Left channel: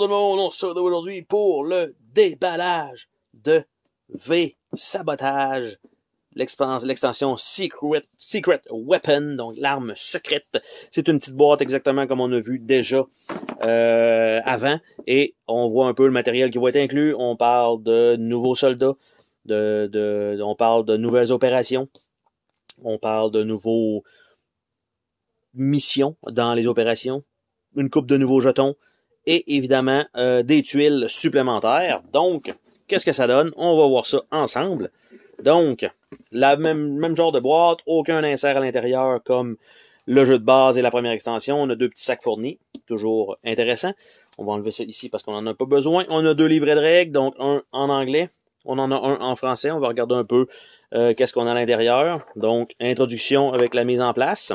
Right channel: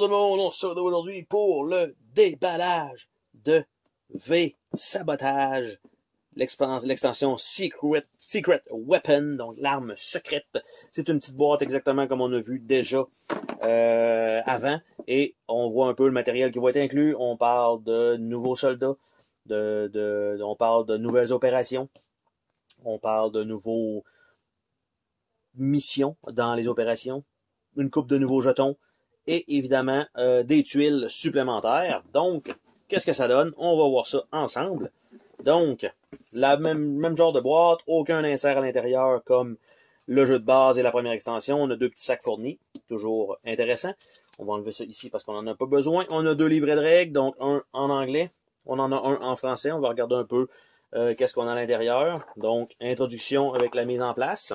Bonjour tout le monde, on se retrouve aujourd'hui pour le déballage de V-Sabotage, l'extension Secret Weapon, donc l'arme secrète. C'est une petite boîte exactement comme on a vu déjà avant, et on voit un peu le matériel qui va être inclus. On parle de nouveaux soldats, on parle de nouvelles opérations, on parle de nouveaux missions dans les opérations, une coupe de nouveaux jetons, et évidemment des tuiles supplémentaires. Donc, qu'est-ce que ça donne? On va voir ça ensemble. Donc, la même genre de boîte, aucun insert à l'intérieur comme le jeu de base et la première extension. On a deux petits sacs fournis, toujours intéressant. On va enlever ça ici parce qu'on n'en a pas besoin. On a deux livrets de règles, donc un en anglais, on en a un en français. On va regarder un peu qu'est-ce qu'on a à l'intérieur. Donc, introduction avec la mise en place.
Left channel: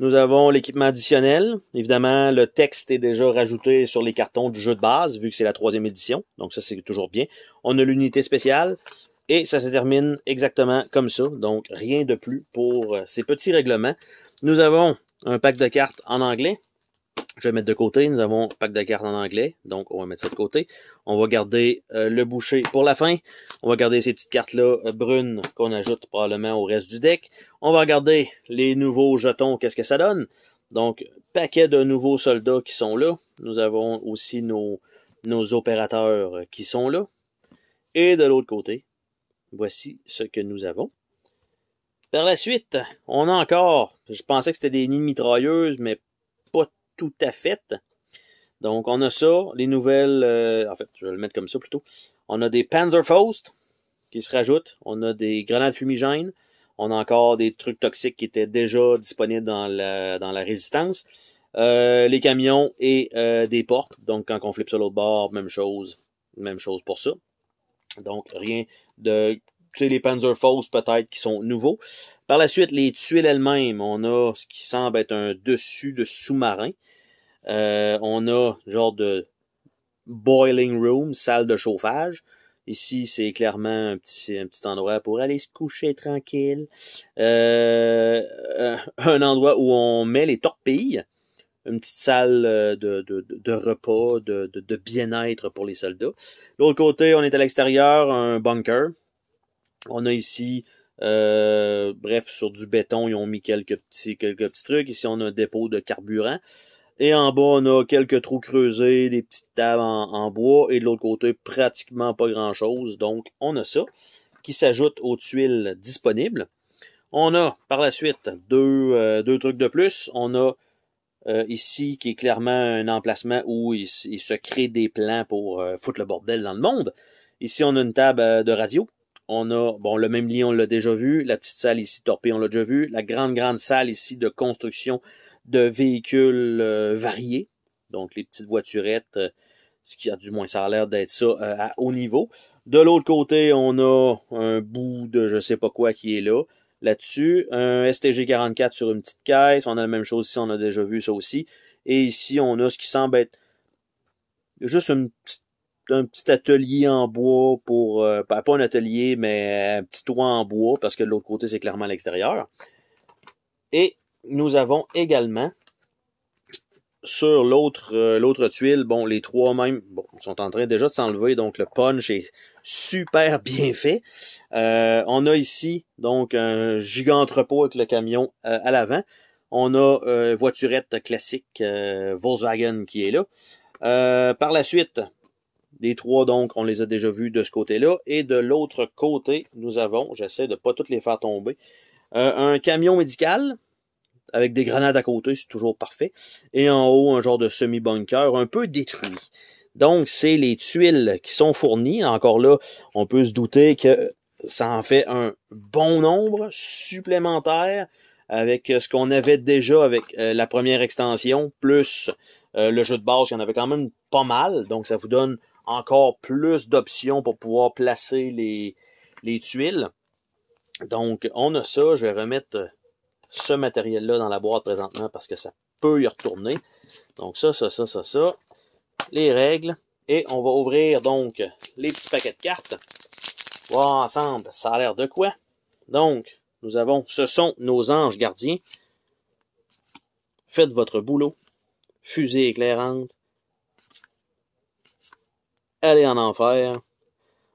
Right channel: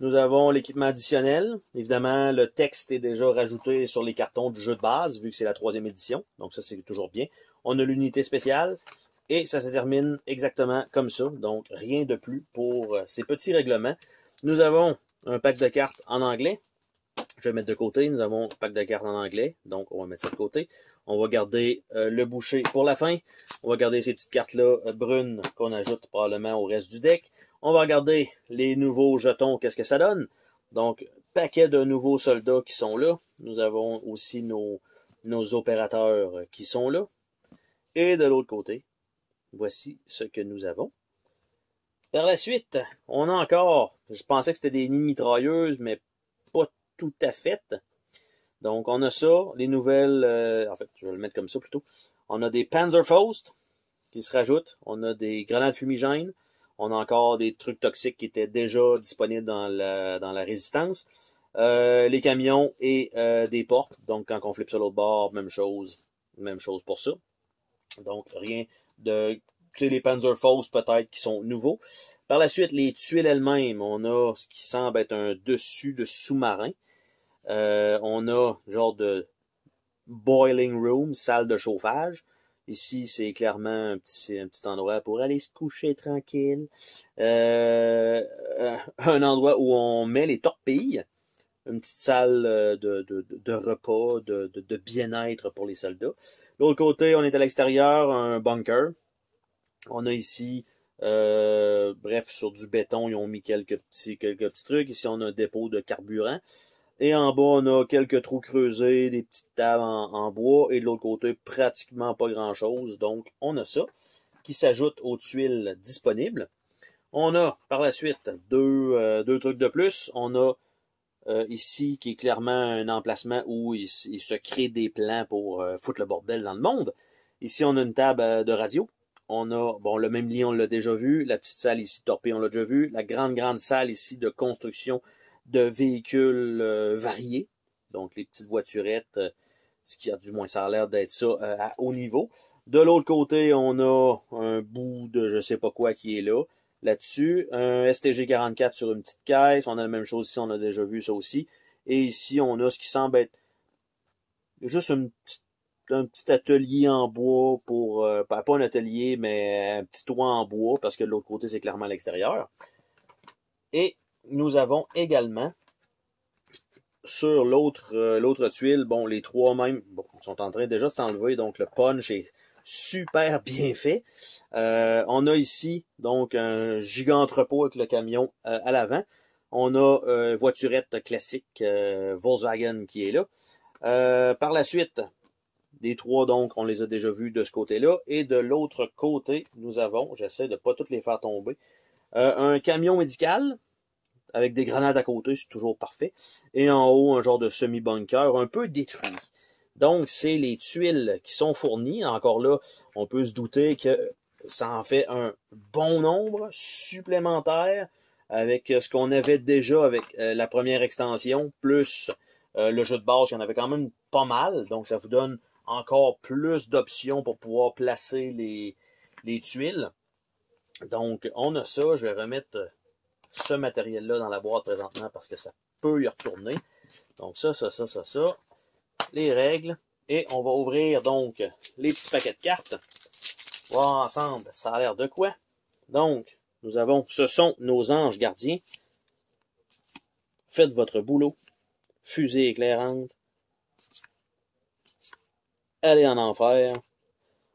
Nous avons l'équipement additionnel. Évidemment, le texte est déjà rajouté sur les cartons du jeu de base, vu que c'est la 3e édition. Donc ça, c'est toujours bien. On a l'unité spéciale. Et ça se termine exactement comme ça. Donc, rien de plus pour ces petits règlements. Nous avons un pack de cartes en anglais. Je vais mettre de côté. Nous avons un pack de cartes en anglais. Donc, on va mettre ça de côté. On va garder le boucher pour la fin. On va garder ces petites cartes-là brunes qu'on ajoute probablement au reste du deck. On va regarder les nouveaux jetons, qu'est-ce que ça donne. Donc, paquet de nouveaux soldats qui sont là. Nous avons aussi nos opérateurs qui sont là. Et de l'autre côté, voici ce que nous avons. Par la suite, on a encore, je pensais que c'était des nids de mitrailleuses, mais pas tout à fait. Donc, on a ça, les nouvelles, en fait, je vais le mettre comme ça plutôt. On a des Panzerfaust qui se rajoutent. On a des grenades fumigènes. On a encore des trucs toxiques qui étaient déjà disponibles dans la résistance. Les camions et des portes. Donc, quand on flippe sur l'autre bord, même chose pour ça. Donc, rien de... Tu sais, les Panzerfaust peut-être qui sont nouveaux. Par la suite, les tuiles elles-mêmes, on a ce qui semble être un dessus de sous-marin. On a genre de boiling room, salle de chauffage. Ici, c'est clairement un petit endroit pour aller se coucher tranquille. Un endroit où on met les torpilles. Une petite salle de repas, de bien-être pour les soldats. L'autre côté, on est à l'extérieur, un bunker. On a ici, bref, sur du béton, ils ont mis quelques petits trucs. Ici, on a un dépôt de carburant. Et en bas, on a quelques trous creusés, des petites tables en bois. Et de l'autre côté, pratiquement pas grand-chose. Donc, on a ça qui s'ajoute aux tuiles disponibles. On a, par la suite, deux trucs de plus. On a ici, qui est clairement un emplacement où il se crée des plans pour foutre le bordel dans le monde. Ici, on a une table de radio. On a, bon, le même lit, on l'a déjà vu. La petite salle ici, torpille, on l'a déjà vu. La grande salle ici de construction de véhicules variés. Donc, les petites voiturettes, ce qui a du moins, ça a l'air d'être ça à haut niveau. De l'autre côté, on a un bout de je sais pas quoi qui est là. Là-dessus, un STG-44 sur une petite caisse. On a la même chose ici, on a déjà vu ça aussi. Et ici, on a ce qui semble être juste un petit atelier en bois pour... pas un atelier, mais un petit toit en bois, parce que de l'autre côté, c'est clairement à l'extérieur. Et nous avons également, sur l'autre tuile, bon, les trois même, bon, sont en train déjà de s'enlever, donc le punch est super bien fait. On a ici, donc, un giga entrepôt avec le camion à l'avant. On a voiturette classique Volkswagen qui est là. Par la suite, les trois, donc, on les a déjà vus de ce côté-là. Et de l'autre côté, nous avons, j'essaie de pas toutes les faire tomber, un camion médical avec des grenades à côté, c'est toujours parfait. Et en haut, un genre de semi-bunker un peu détruit. Donc, c'est les tuiles qui sont fournies. Encore là, on peut se douter que ça en fait un bon nombre supplémentaire avec ce qu'on avait déjà avec la première extension, plus le jeu de base, il y en avait quand même pas mal. Donc, ça vous donne encore plus d'options pour pouvoir placer les tuiles. Donc, on a ça. Je vais remettre ce matériel-là dans la boîte présentement parce que ça peut y retourner. Donc, ça. Les règles. Et on va ouvrir donc les petits paquets de cartes. Voir ensemble, ça a l'air de quoi? Donc, nous avons, ce sont nos anges gardiens. Faites votre boulot. Fusée éclairante. aller en enfer.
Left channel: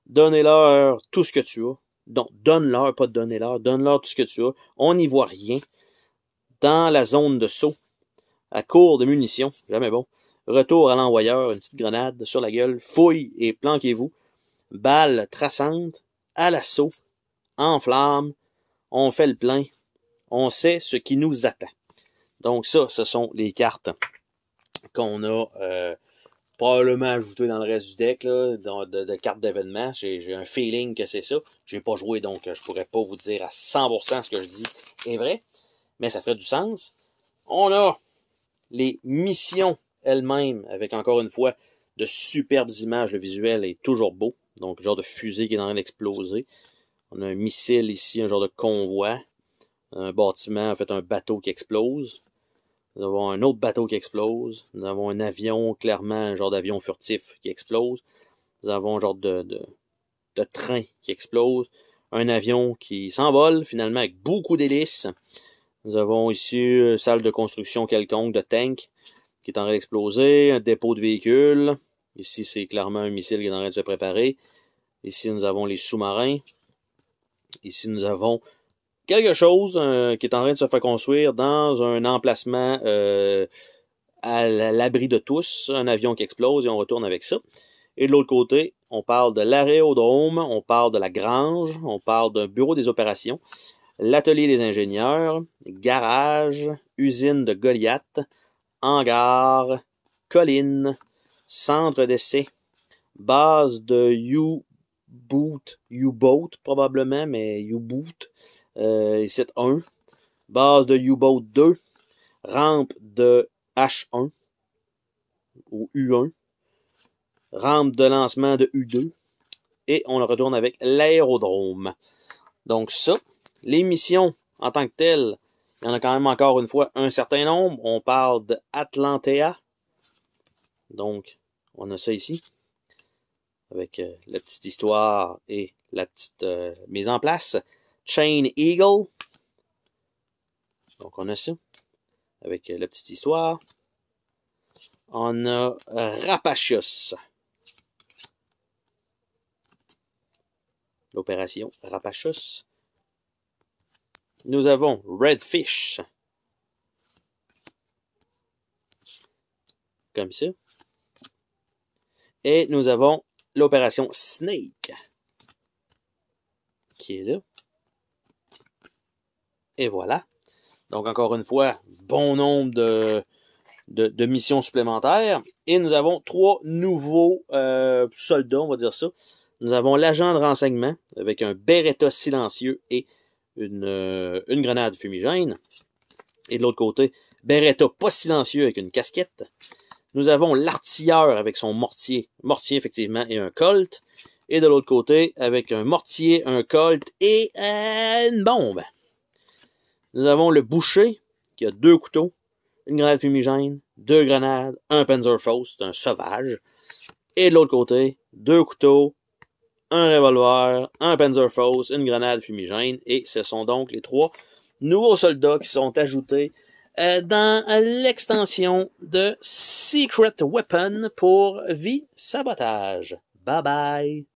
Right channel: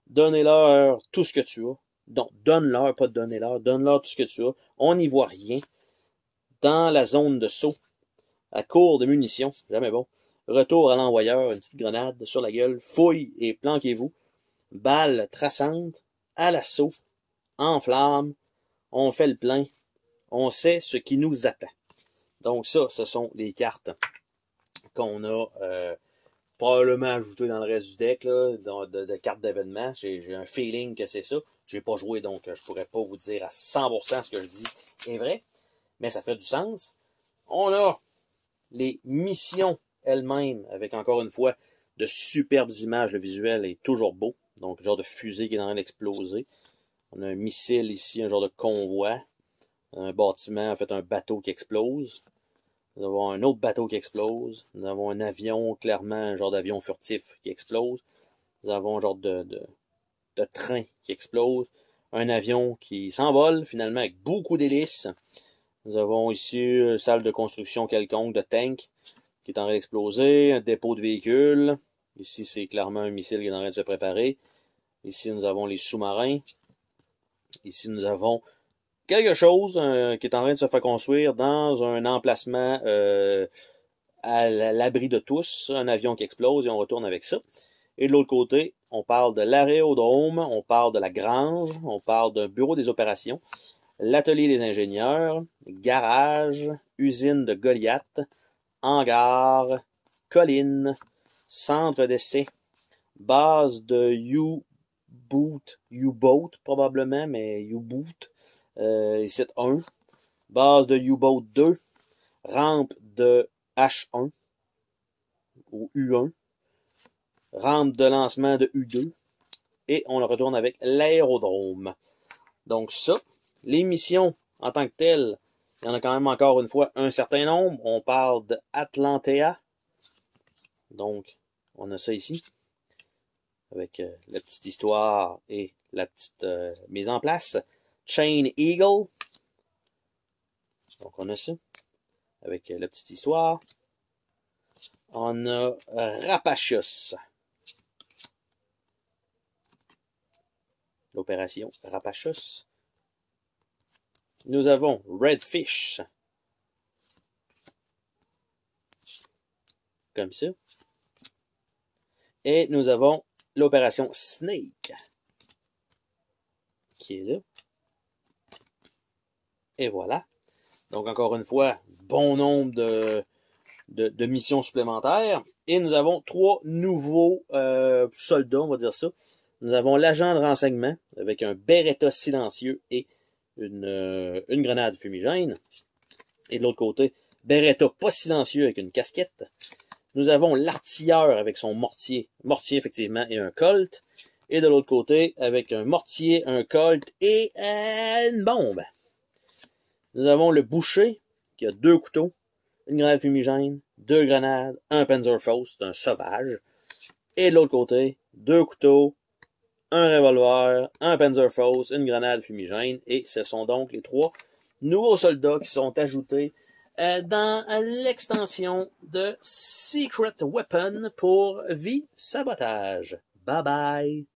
Donnez-leur tout ce que tu as. Donc, donne-leur, pas donner-leur, donne-leur tout ce que tu as. On n'y voit rien. Dans la zone de saut, à court de munitions, jamais bon. Retour à l'envoyeur, une petite grenade sur la gueule, fouille et planquez-vous. Balle traçante, à l'assaut, en flamme, on fait le plein, on sait ce qui nous attend. Donc ça, ce sont les cartes qu'on a probablement ajoutées dans le reste du deck, là, de cartes d'événements. J'ai un feeling que c'est ça. J'ai pas joué, donc je pourrais pas vous dire à 100% ce que je dis est vrai, mais ça ferait du sens. On a les missions elles-mêmes, avec encore une fois de superbes images. Le visuel est toujours beau. Donc, genre de fusée qui est en train d'exploser. On a un missile ici, un genre de convoi. Un bâtiment, en fait, un bateau qui explose. Nous avons un autre bateau qui explose. Nous avons un avion, clairement, un genre d'avion furtif qui explose. Nous avons un genre de train qui explose. Un avion qui s'envole, finalement, avec beaucoup d'hélices. Nous avons ici une salle de construction quelconque, de tank, qui est en train d'exploser. Un dépôt de véhicules. Ici, c'est clairement un missile qui est en train de se préparer. Ici, nous avons les sous-marins. Ici, nous avons quelque chose qui est en train de se faire construire dans un emplacement à l'abri de tous. Un avion qui explose et on retourne avec ça. Et de l'autre côté, on parle de l'aérodrome, on parle de la grange, on parle d'un bureau des opérations, l'atelier des ingénieurs, garage, usine de Goliath, hangar, colline, centre d'essai, base de U-Boat probablement, mais U-Boat, ici 1, base de U-Boat 2, rampe de H1 ou U1, rampe de lancement de U2, et on le retourne avec l'aérodrome. Donc ça, les missions en tant que telles, il y en a quand même encore une fois un certain nombre. On parle de Atlantea. Donc, on a ça ici. Avec la petite histoire et la petite mise en place. Chain Eagle. Donc, on a ça. Avec la petite histoire. On a Rapacious. L'opération Rapacious. Nous avons Redfish. Comme ça. Et nous avons l'opération Snake. Qui est là. Et voilà. Donc, encore une fois, bon nombre de missions supplémentaires. Et nous avons 3 nouveaux soldats, on va dire ça. Nous avons l'agent de renseignement avec un Beretta silencieux et une grenade fumigène. Et de l'autre côté, Beretta pas silencieux avec une casquette. Nous avons l'artilleur avec son mortier. Mortier, effectivement, et un Colt. Et de l'autre côté, avec un mortier, un Colt et une bombe. Nous avons le boucher, qui a 2 couteaux, une grenade fumigène, 2 grenades, un Panzerfaust, un sauvage. Et de l'autre côté, 2 couteaux, un revolver, un Panzerfaust, une grenade fumigène. Et ce sont donc les 3 nouveaux soldats qui sont ajoutés dans l'extension de Secret Weapon pour Vie Sabotage. Bye bye!